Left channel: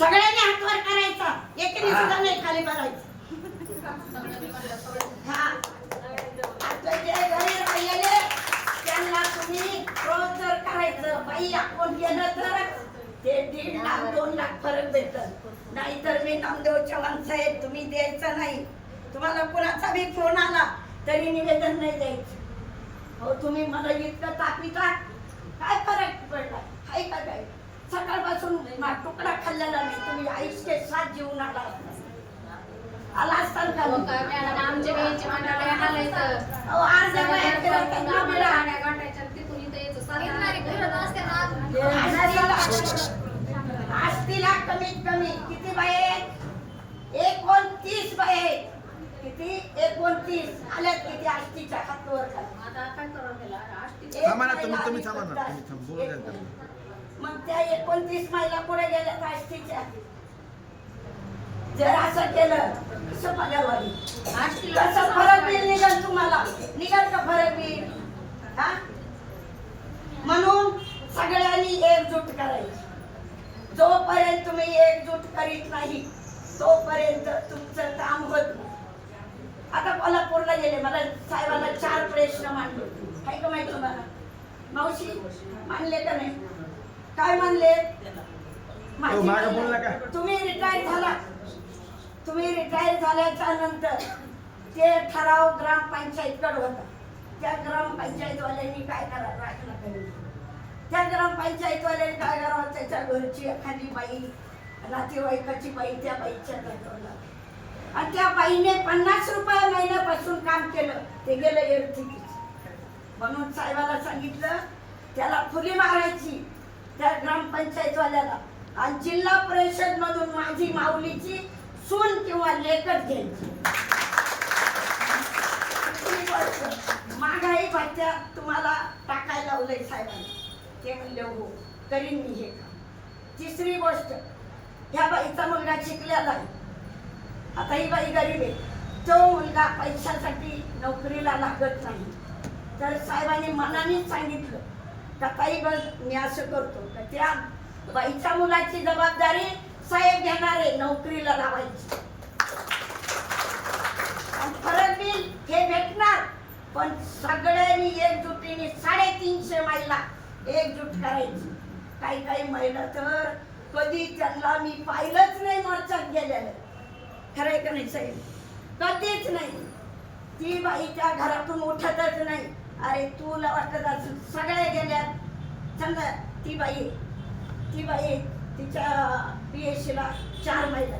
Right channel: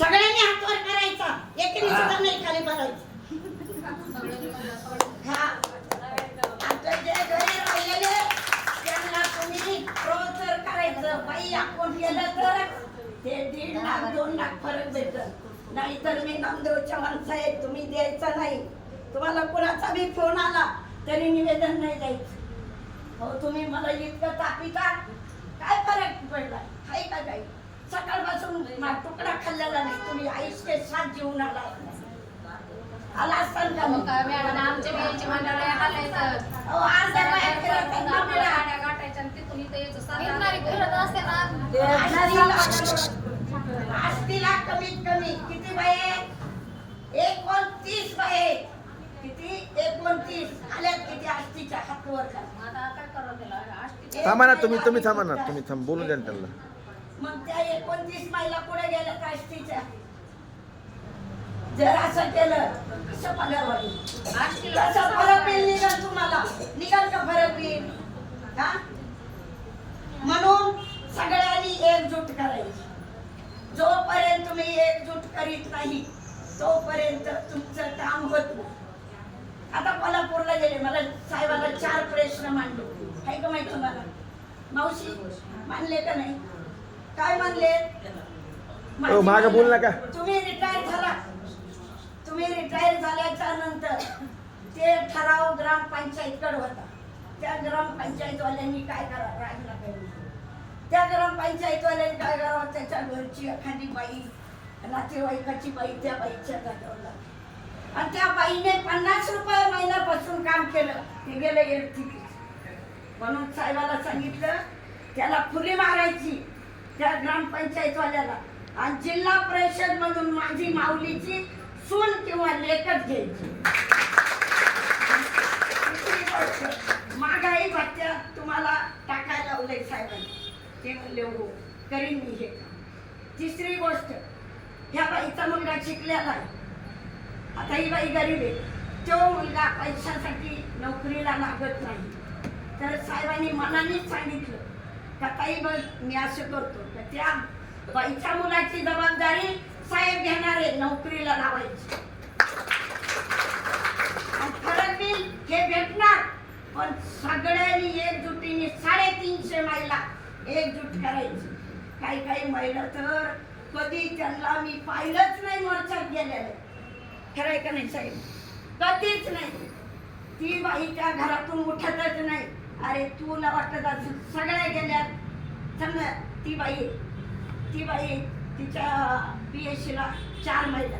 सगळ्यांनी हातवर करायचा, एकेने सुद्धा नाही खाली बघायचं. हा आता जे घरी राहिलेले त्यांना तुम्ही रोज जर करायचं, बाई आपण केलं तर ते 1.5 लाख 2 लाख फरक भेटत. नाहीतर मी नामदेव चव्हाण साहेब तुम्ही द्यायचा नाही. तुम्हाला कोणाचा बी फोन आला तरी निवेदन नाही द्यायचं. हो तुम्ही मला इतकं तापिता, काय फरक पडला? हाय का काय? सकाळपासून तुकडा खाल्लेला नाही. तुम्ही आयुष्य 7 जीवन आला असताना काय मॅडम आमच्या वेळेची मंडळी आले तर अर्ध्या बाया फिरवतात ना बिडा. गाठायच्या तिथून इथे यायचं साधारण फिरत असते आष्टीला कमीत कमी किती बाये? 29 बाये. किती? 29 आल्यात किती आष्टीच्या हातवर का? आता काय करावं त्याला? आष्टी थांबा ना तुम्ही थांबा ना, तुम्ही बोलू द्या त्यांना. मग त्या 29 महिला कुठे गेल्यात आष्टीच्या? जर असं केलं कसं पणावाडी? आष्टीला कसं फरक बिल निघल तुम्हाला? निघल का फरक बिल? हा म्हणून सगळ्यांनी एकजूट करायची. जोपर्यंत तुम्ही एकजूट करीत नाही तोपर्यंत तुमचं काम होत नाही. आता कोल्हापूरला गेले, मला साहेबांना 4 प्रश्न मांडले. काय का माहिती तुम्हाला? मावशी मानले का नाही? काय मानले? हो मागं बोल नका. तुम्ही रिटायर झाला. तुम्ही रिटायर झाल्याच्या नंतर ते ठराव ग्रामपंचायतकडे होता. त्या ग्रामपंचायतवाल्यांनी काय करावं राहिला पाहिजे. त्या ग्रामपंचायतवाल्यांनी काय करावं? त्याच्या घरची एखादी बाई, नातेवाईकाची बाई त्या बाईच्या जागेवर, आणि त्या बाईने 50 रुपये महिन्यापासून काम केलं. ते गेलं एरठिकी. म्हणून साहेबाला सांगितलं त्याला फुली मारायची त्या ग्रामपंचायतवाल्याला, आणि जिल्हा परिषद मधून माझी माऊलीची सून किंवा लेकच घ्यायची. महागाई भत्त्यात तुम्हाला टाकायला लावलंय साहेबांनी. ते म्हणले हो करीन मी हे. तिसरी गोष्ट, ह्या बाईचा मुलगा शिकलेला आहे. आता ही बाई गरीब आहे. तो मुलगा पैशासाठी नोकरीला लागत नाही. तर साहेबांनी मनानेच सांगितलं का ताई बघ मी असं करतो, तर त्या बाईच्या मुलाची जबाबदारी साहेब घेणार आहे नोकरीला लावायची. फरक बिल हे भेटणार, पण सगळ्यांनी एकजुटीने 350 महिला एकजूट करायची. काही काही महिला तर कधी त्यांना मी पाहिलंच नाही मोर्चात गेलेलं. खरंय का नाही साहेब? कधीच नाही. ती बाई त्या घरातून उठतच नाही. अरे तुला वाटत असेल सगळ्या गेल्या, समजा ती बाई तिच्या PSC ला 4 महिला